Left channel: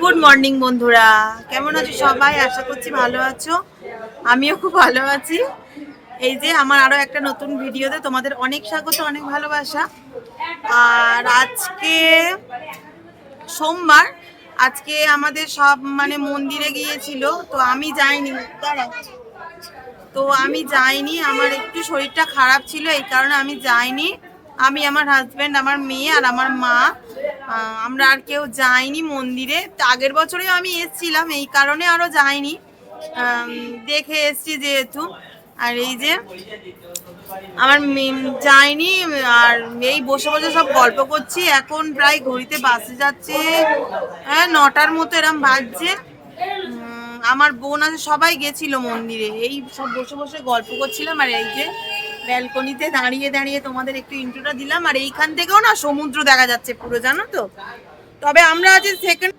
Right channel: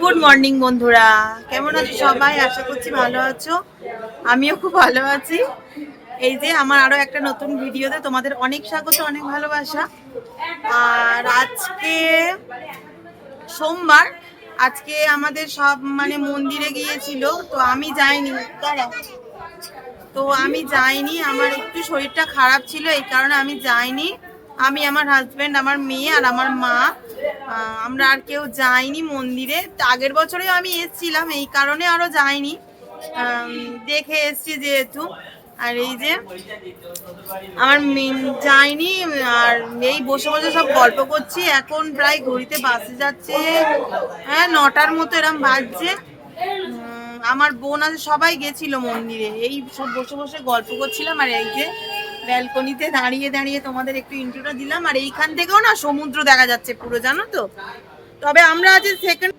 Good morning বন্ধুরা, কেমন আছো সবাই? আশা করছি ভালো আছো। আমিও খুব ভালো আছি। এই যে আমার আরো একটা নতুন ভিডিওতে তোমাদের অনেক স্বাগত, অনেক ভালোবাসা। আর আজকে সোমবার, আজকে আমাদের সব মানে মন্দিরে গিয়েছিল, তো আমি যাইনি। দাঁড়াও, তো আমি যাইনি, আমার একটু শরীরটা খারাপ ছিল, এই কারণে আমি যাইনি। আমি, আমার হাজবেন্ড, আমার মেয়ে আর আমার মা, আমরা আর কেউ যাইনি মন্দিরে। আগের বছরেও আমি এসেছিলাম, এই কারণে আরো যাইনি, দেখে এসছি যেহেতু। আর এই যে আমার যাইনি, আর এই বসে বসে সব গল্প করছি। এখন প্রায় ঘড়িতে বাসে যাচ্ছে, হ্যাঁ 9টার মতো এরম বাজছে। আমার বোন আছে, সবাই গেছিল মন্দিরে, এই সব বসে বসে গল্প করছিলাম। আর এই যে ব্যালকনিতে দাঁড়িয়ে দাঁড়িয়ে তোমাদের একটু ইন্ট্রোটা দিলাম। আর এইখান থেকেও না সমুদ্র দেখা যাচ্ছে পুরো, জানো তো। তবে আমরা আছি সেকেন্ড,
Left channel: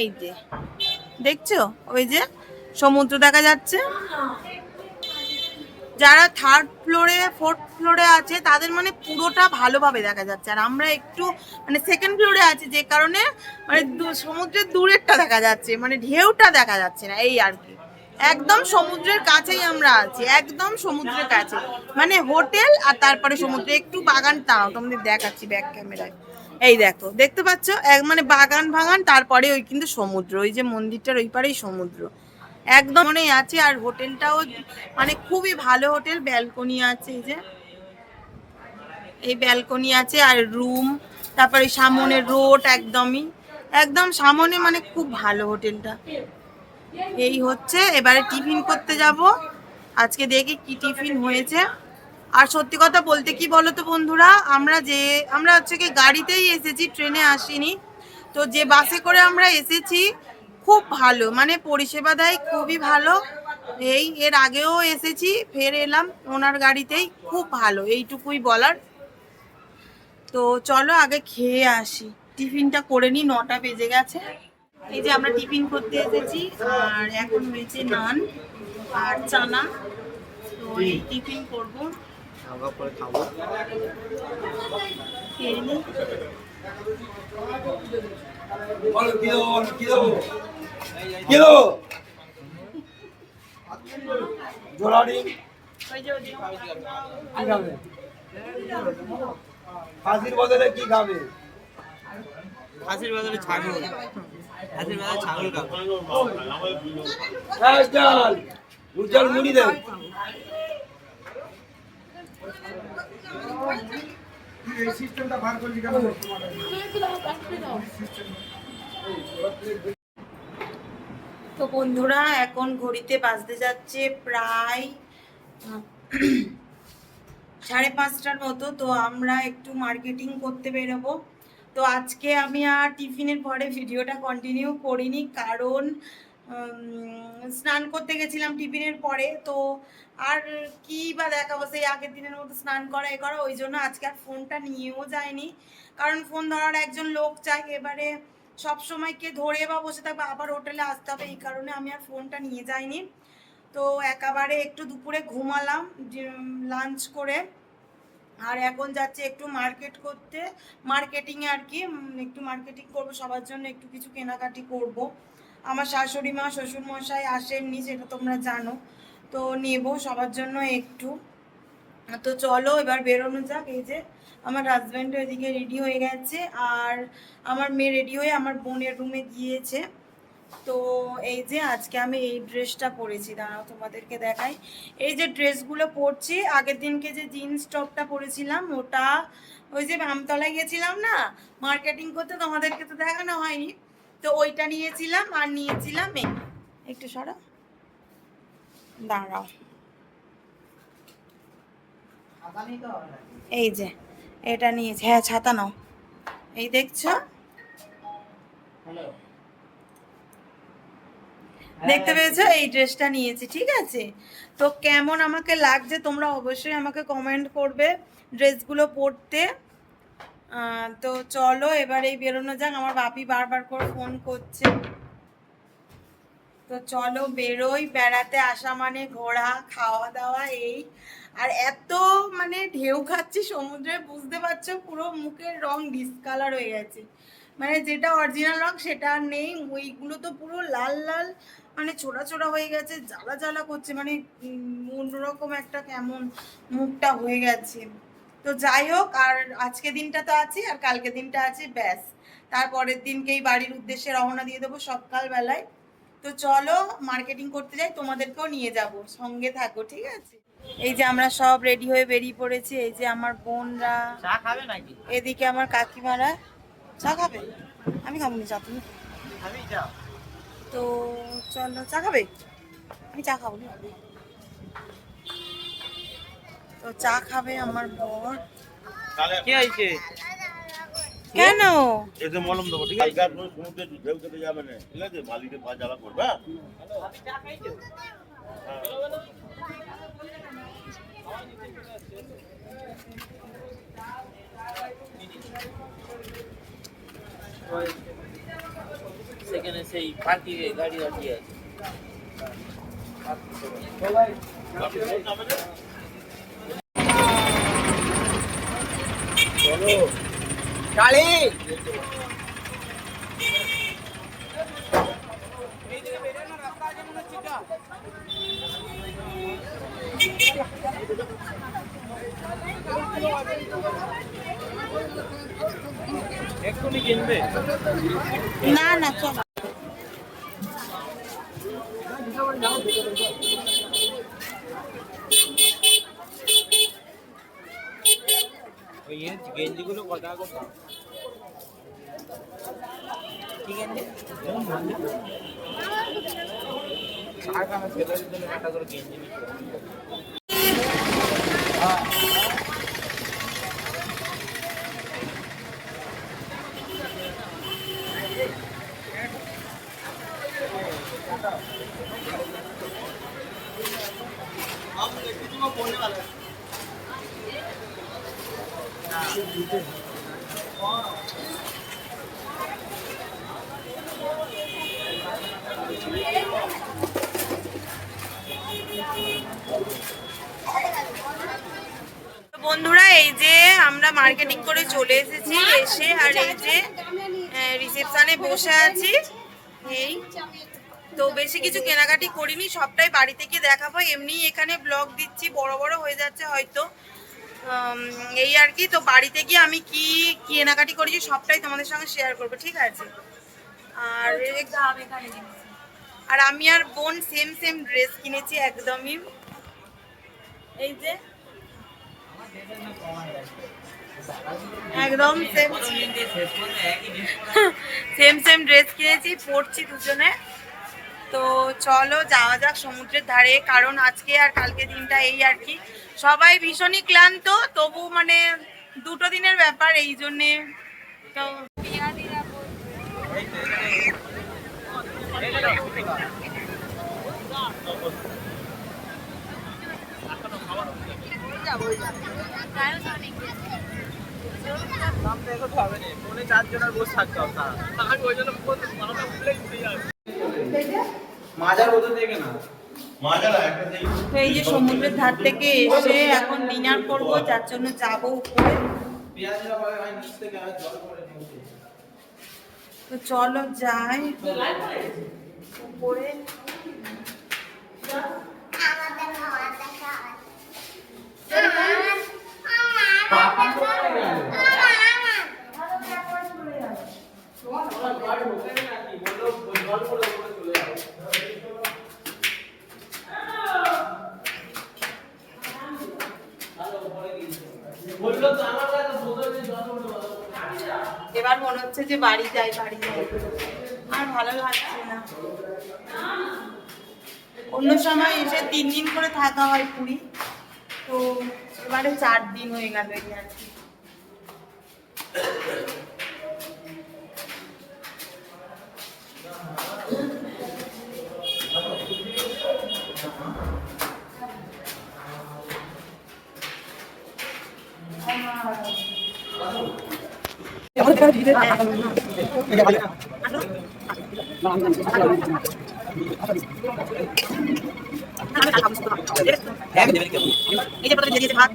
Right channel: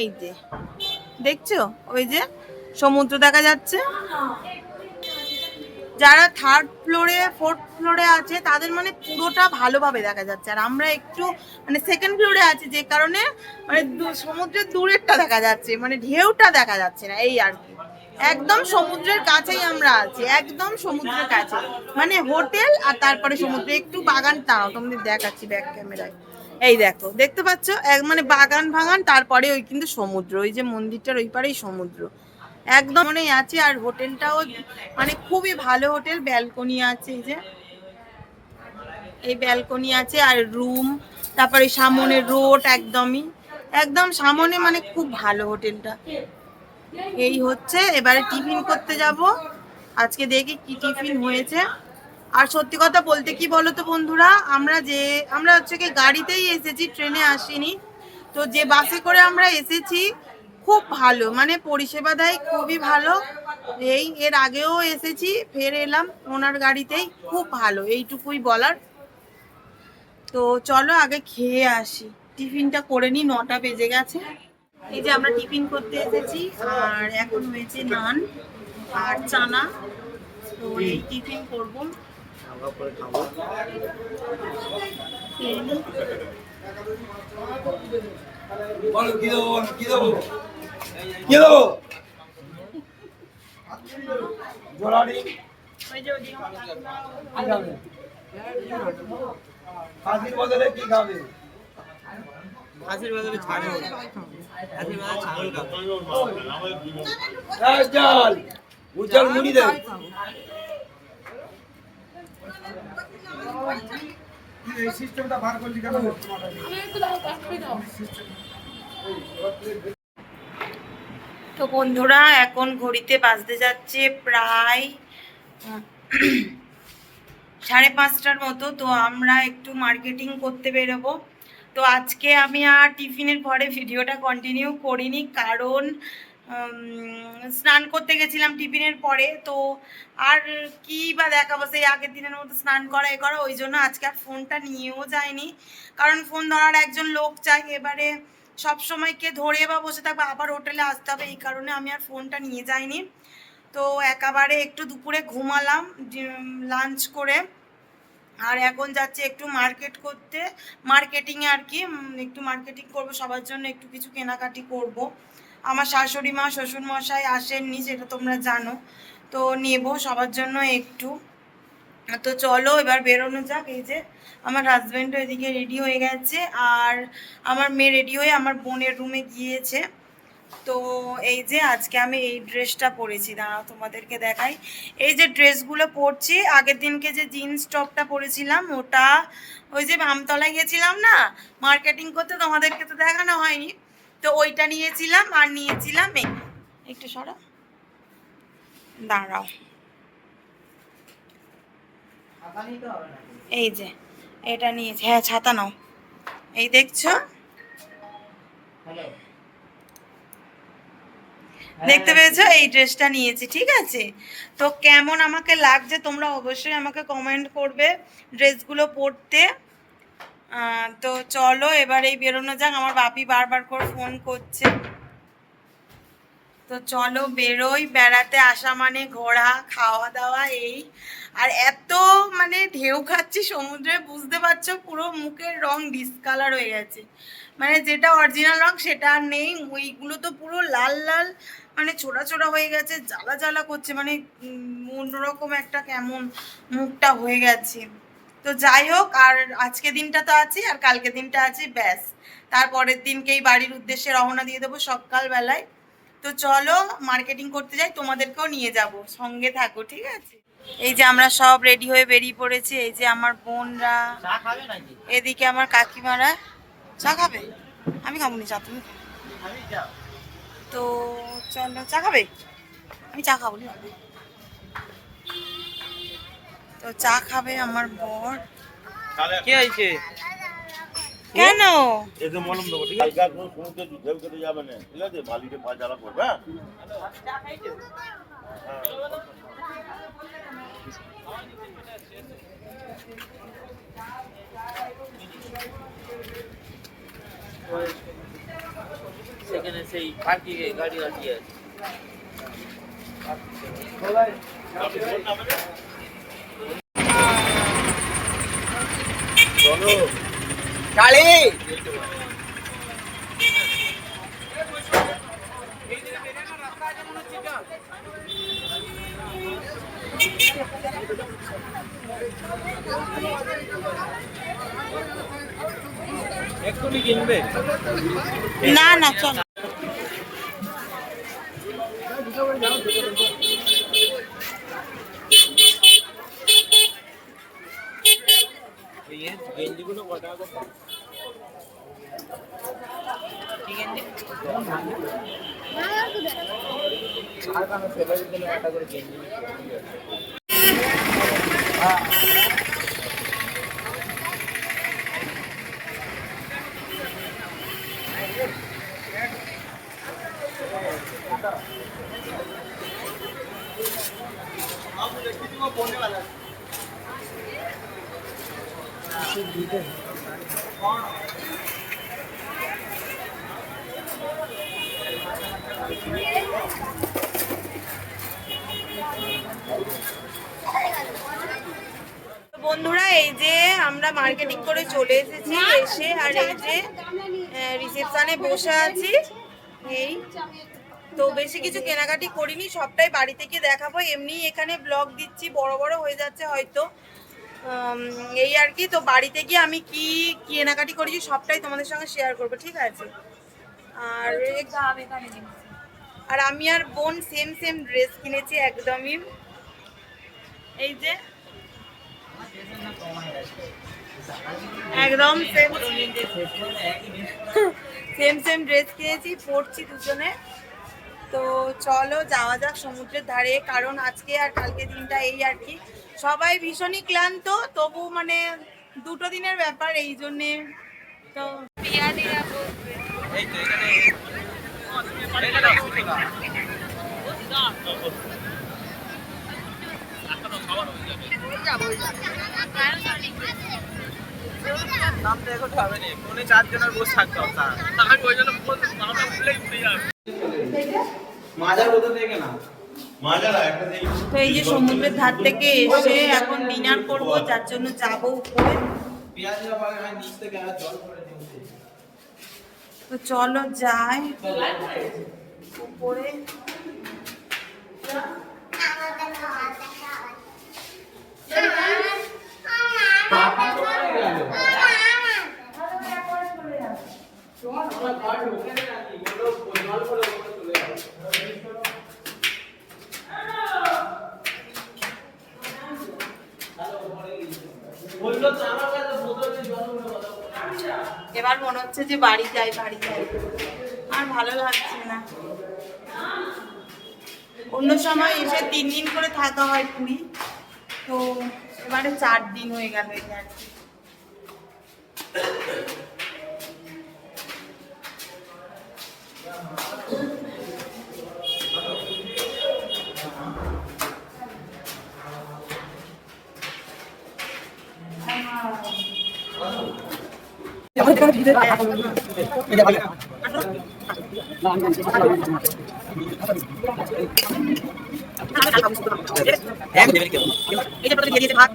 এই যে দেখছো ওই যে সমুদ্র দেখা যাচ্ছে। যারা থার্ড ফ্লোরে ফোর্থ ফ্লোরে আছে তাদের মানে পুরোটা ভালোভাবে দেখা যাচ্ছে, আর আমরা একটু মানে সেকেন্ড ফ্লোরে আছি, যে কারণে মানে সমুদ্রের দূরেরটা দেখা যাচ্ছে, মানে ঢেউটা দেখা যাচ্ছে না, এই আর কি। একদম সমুদ্রের কাছেই আমরা আছি, একদম সমুদ্রের কাছে, মানে হোটেল আর তারপরে সমুদ্রে একটু বাগান। তাও তোমাদের দেখাচ্ছি ব্যাক ক্যামেরায়, এই দেখো, দেখতে পাচ্ছ এক মানে বাগান ভাগান, তারপরে ওই কিন্তু সমুদ্র, ওই যে মন্দিরটার ওই পারেই সমুদ্র একদম মনেই আছে। আর হোটেলটাও মানে খুবই ভালো হোটেল, ব্যালকনি আছে, এই যে এই ব্যালকনি আছে আর রুম, তারপরে সামনে রোড, একদমই একদম সামনে, মানে খুব ভালো হোটেলটা। এই হচ্ছে, এবারে টিফিন করতে যাব, আজকে দেখি কি টিফিন হয়েছে। আর সত্যি কথা বলতে কি বলো তো বন্ধুরা, আমরা হচ্ছে কি গাড়িতেই এসেছি, ট্রেনে আসিনি। তো যে বাসে করে আমরা এসেছি খুব ভালো, মানে পরিষেবা দেয় খুবই ভালো। এর আগেও এসেছি, ফের এলাম ওনার গাড়িতেই, খুব ভালো, এইটুকুই বলার। তো চলো আগে খেয়ে আসি, টিফিনটা করে নি, 9টা বেজে গেছে। এই যে আমরা টিফিন করতে এসেছি, আর এখন হয়েছে নান আর চানা, তো এই টিফিন করবো, খেয়ে নি। হাসির বদলে কি খাবে? হাসির বদলে ছাগল। হাসির বদলে ছাগল চল উজ্জ্বল মুড়ি দেন। এই সিস্টেমটা বার করলি কেন? তো বন্ধুরা, এখন ঘড়িতে বাজতে যাচ্ছে প্রায় 5:30টার মতো। তো আমরা একটু মার্কেটিং করতে বেরোবো। তো আজকে আমি আর টিফিনের পরে ভিডিওটা কন্টিনিউ করিনি, কারণ স্নান করতে গেছিলাম টিফিনের পরে। তো আর কি বা দেখাবো, সেই আগের দিনের মতো স্নান করা এ করা, ওই জন্য আজকে আর ফোনটা নিয়েও যায়নি, কারণ ফোন ধরার একজন লোক চাই। এবারে সব সময় কে ধরে বা বসে থাকবে, আবার হোটেলে আসতে হবে, এই কারণে আমি আর ফোনটা নিয়ে যাইনি। তো একেবারে একটু দুপুরে ঘুমালাম লাঞ্চ করে, আর এখন যাচ্ছে একটু মার্কেট করতে, মার্কেটিংয়ে আর কি, একটু মার্কেটিং করব, সবার জন্য একটু কিছু কেনাকাটি করব। আমার শাশুড়ি মা শ্বশুর মশাই আসেননি, সেটা তোমরা জানো, তো নেব সবার জন্য একটু। তো চলো এবার বেরোনো যাক। এই যে আমার হাজব্যান্ডও এদিকে রেডি হয়ে গেছে, আর আমার মেয়ে রেডি হয়ে আমার বোনের রুমে গিয়েছে। তো এই যে আজকে আমি এই ড্রেসটা পরেছি, দাঁড়াও তোমাদেরকে দেখাই। এই যে ড্রেসগুলো পরছি, আগের দিনকে যে জিন্স টপটা পরেছিলাম ওটা ওই যে আমতলায় গেছিলাম না মার্কেটিং করতে, তোমাদেরকে তো দেখানো হয়নি, তো ওইটা নিয়েছিলাম। আর নিয়েছিলাম একটু সরা, দাঁড়াও, এই যে এটা নিয়েছি, হ্যাঁ ছাতা নাও, এই দেখছো, দেখতে পেয়েছো, এই ড্রেসটা নিয়েছি, ঠিক আছে। তো কেমন আমাকে লাগছে তোমরা অবশ্যই আমাকে কমেন্ট করবে ড্রেসগুলো পরতে। তো চলো এবার এই বেরোনো যাক, আমার বাপি বারবার করে ফোন করছে। তো চলো বেরোই, বেড়াতে আসা মানে ঘোরা খাওয়া দাওয়া এই। আর এত মানে ঢেউ খাচ্ছি সমুদ্রে, বুঝতে পারছো পুরো মুখের রং ডিসকালার হয়ে গেছে, মানে যেটা অরিজিনাল রং সেটা আর নেই, ওইগুলো তো পুরো লাল লাল মানে ছোড়া ছোড়া হয়ে গেছে, জ্বালা জ্বালা করছে, মানে অন্যরকম একটা কেমন মুখটা হয়ে গেছে। তো যাই হোক, আর আজকে দিনটা তো আছে আর কালকে দিনটা আছে, ব্যাস তারপরের দিনকেই বাড়ির উদ্দেশ্যে রওনা দিয়ে দেবো সকালবেলায়। তো চলো মার্কেটিং করতে যাই, তোমাদেরকেও নিয়ে যাব, সঙ্গে থাকো, ঠিক আছে? এই যে আমরা সব রেডি হয়ে বেরিয়ে পড়েছি, এই যে আমার বোনরা, চা খাবে নাকি? এদিকে আমার কাকিমারা। চা খাবে? আমি খাবো না চা, তুমি খাও। খাবি যাও। তো চলো, চা খাবে? আমি চা খাবো না। তো চা খাবে আমার বর। কে আইছে? কেন? এতে মলম দেবো, ঠিক আছে? গাছ সমুদ্রে ঢেউ খেতে যাবে না, ঠিক আছে? বালিতে পা জ্বালা করবে, হ্যাঁ? সেখানে সেই পার্কিং এ গাড়ি দাঁড়িয়ে আছে। চলো গাড়ি এক্ষুনি কিনবে? না না, চলো। গেঞ্জিগুলো কত টাকা করে? আর কানে ফেলে দিতে একটা করে গেঞ্জি তো বন্ধুরা, এই যে আমরা মার্কেটিং করে চলে এসেছি, এসে আর এই যে রিসেপশনে বসে আছি। এই তো বেশি কিছু কেনাকাটি করিনি, সবটাই বাড়িতে গিয়ে দেখাবো। এমনি এখানে ব্লগ দিচ্ছি, বড় বড় হয়ে যাচ্ছে হয়তো, এই আর কি। তো বাড়িতে গিয়ে আমি কি কেনাকাটি করেছি সবটাই তোমাদের সঙ্গে শেয়ার করবো, ঠিক আছে? আর আর আমি আর বোন সেম সেম ড্রেস কিনেছি একদমই, এই যে একদম সেম সেম সেম ড্রেস কিনেছি, পরছি দুজনে। তো চলো যাওয়া যাক সমুদ্রের ধারে, কারণ আজকে আর কালকে দিনটা এই আর কি। সবাই ভীষণই ক্লান্ত, তবু মানে দুটো দিনের ব্যাপার, এই জন্যে। তো নামটা এখন হবে না, ফোনে 4 জনের বসে থাকতে হবে। আমি ওই জন্য ফোন নামটা ভুলেই উঠে যাবে। মাজার বোতল থেকে না তো এই যে সমুদ্রের ধার থেকে এসে এখন ডিনার করব, যার জন্য যাবো উপরে। তো চলো যাই উপরে। এবার মনে হচ্ছে যে বাড়ি যাই, বাড়ি যাই, আর ভালো লাগছে না। অন্য সময় এসে 3 দিন করে থাকা হয় পুরী, তো এবারে 4 দিন হয়ে গেল এই আর কি। এই যে প্রথমে দিয়ে দিয়েছে ভাত,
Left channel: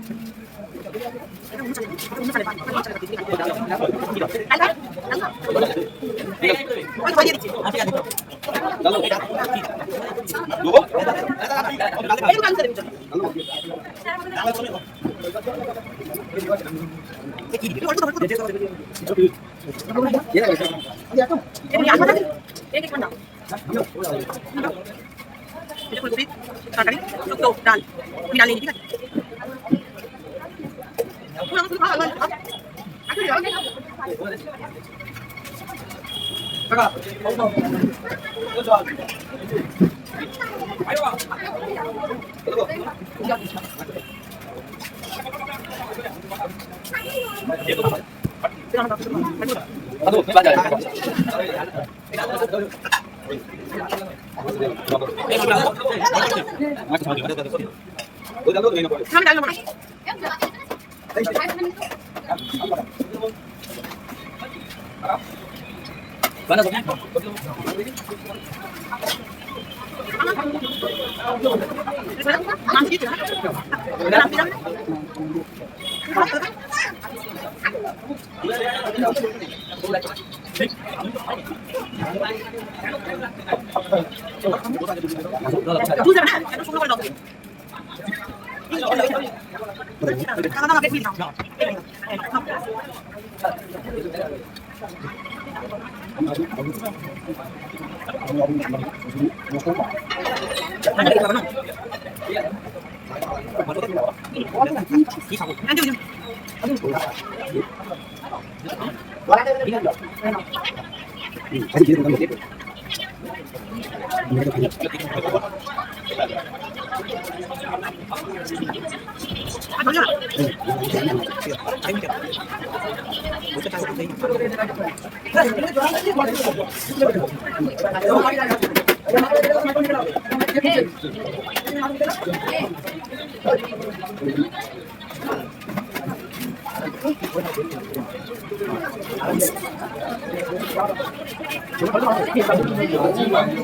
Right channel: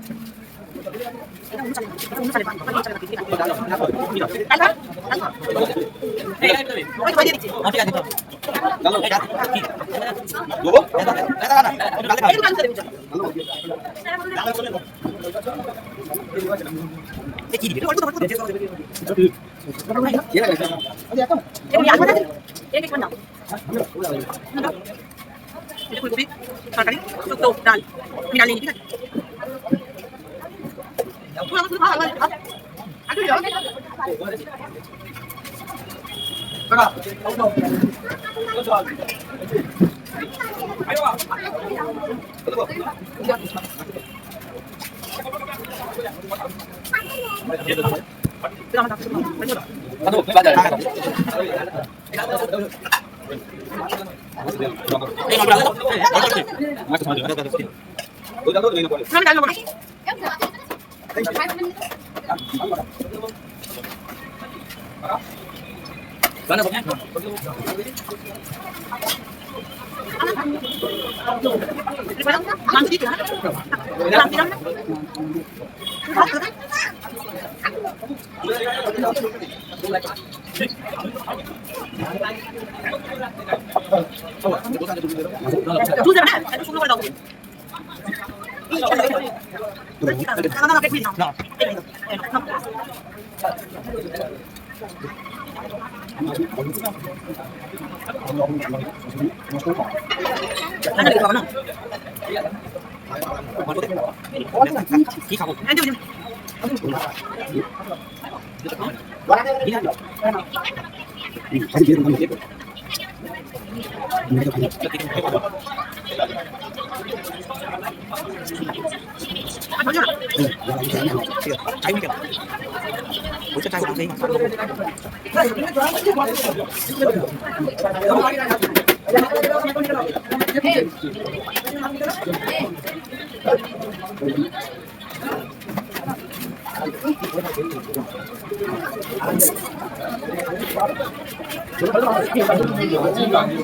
ফুলকপি তরকারি শুক্তো ডাল আমি ডাল নিই ঠিক আছে আমি ডাল নেবো না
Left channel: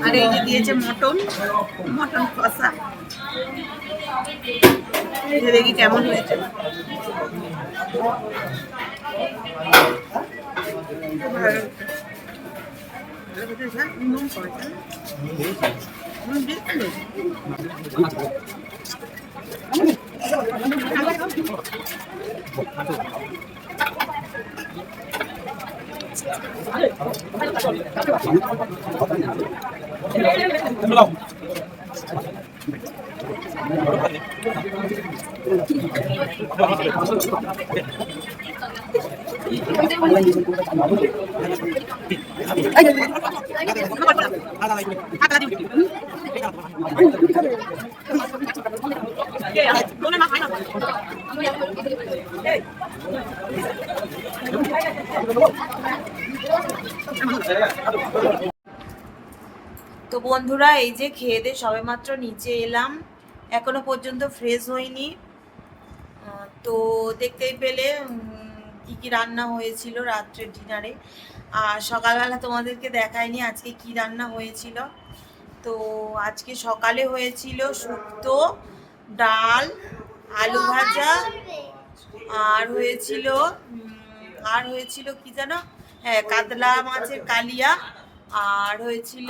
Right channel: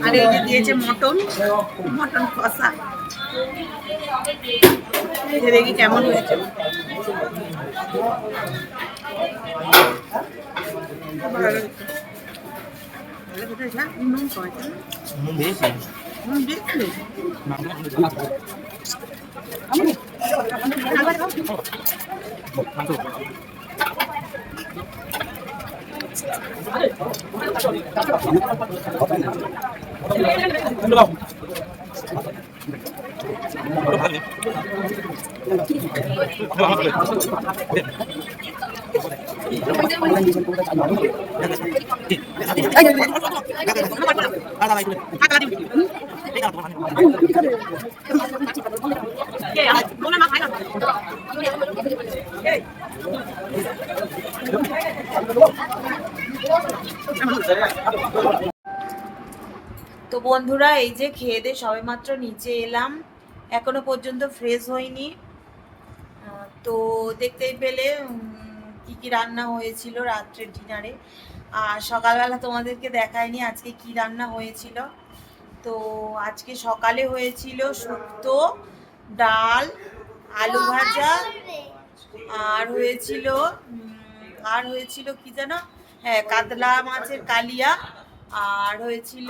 আর এই যে দিয়েছে মটন মটন কষা দেখি কেমন হয়েছে নুন কয়েছে নুন দিয়েছিল তো বন্ধুরা এই যে খেয়ে দিয়ে সবেমাত্র নিচে এলাম এখনো পর্যন্ত ফ্রেশ হইনি তো দেখতেই পেলে কি কি রান্না হয়েছিল রাত্রের ডিনারে আর সকালবেলা তোমাদেরকে দেখাইনি আজকে কি রান্না হয়েছিল তো আজকে সকালে হয়েছিল শুক্তো ডাল আলু ভাজা আর হয়েছিল কি জানো হ্যাঁ কাতলা মাছের কালিয়া আর হয়েছিল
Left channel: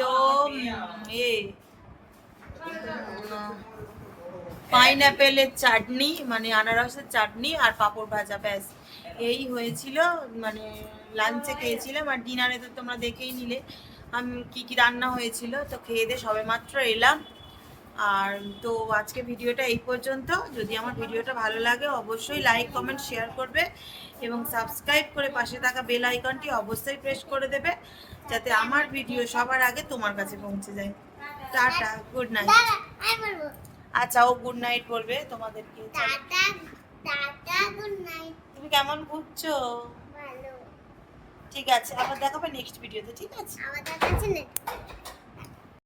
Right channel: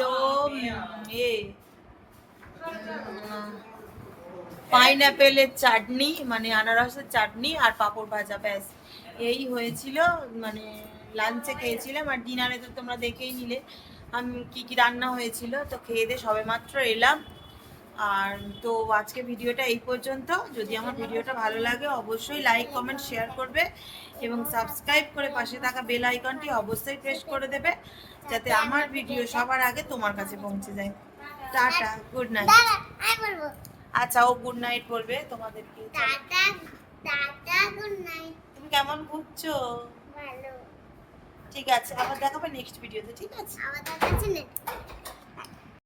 পাইনঅ্যাপেলের চাটনি মানে আনারসের চাটনি আর পাঁপড় ভাজা ব্যাস এই হয়েছিল মানে লাঞ্চে খেয়েছিলাম আর ডিনারে তো তোমরা দেখেই নিলে আমি কি কি রান্না হয়েছিল তো খেয়ে দিয়ে সবেমাত্র এলাম আর তো আজকে ভিডিওটা এই পর্যন্ত যদি আমার ভিডিওটা ভালো লাগে অবশ্যই লাইক কমেন্ট শেয়ার করবে এবং সাবস্ক্রাইব করে পাশে থাকা বেল আইকনটি অবশ্যই প্রেস করে দেবে যাতে আমার ভিডিও সবার আগে তোমার কাছে পৌঁছে যায় টাটা গুড নাইট আচ্ছা ও গুড নাইট বলবে তোমাদেরকে টাটা টাটা গুড নাইট তুমি কেমন ঘুরছো ভালো ঠিক আছে আবার দেখাবে নেক্সট ভিডিওতে ঠিক আছে আমাদের কাছে নেই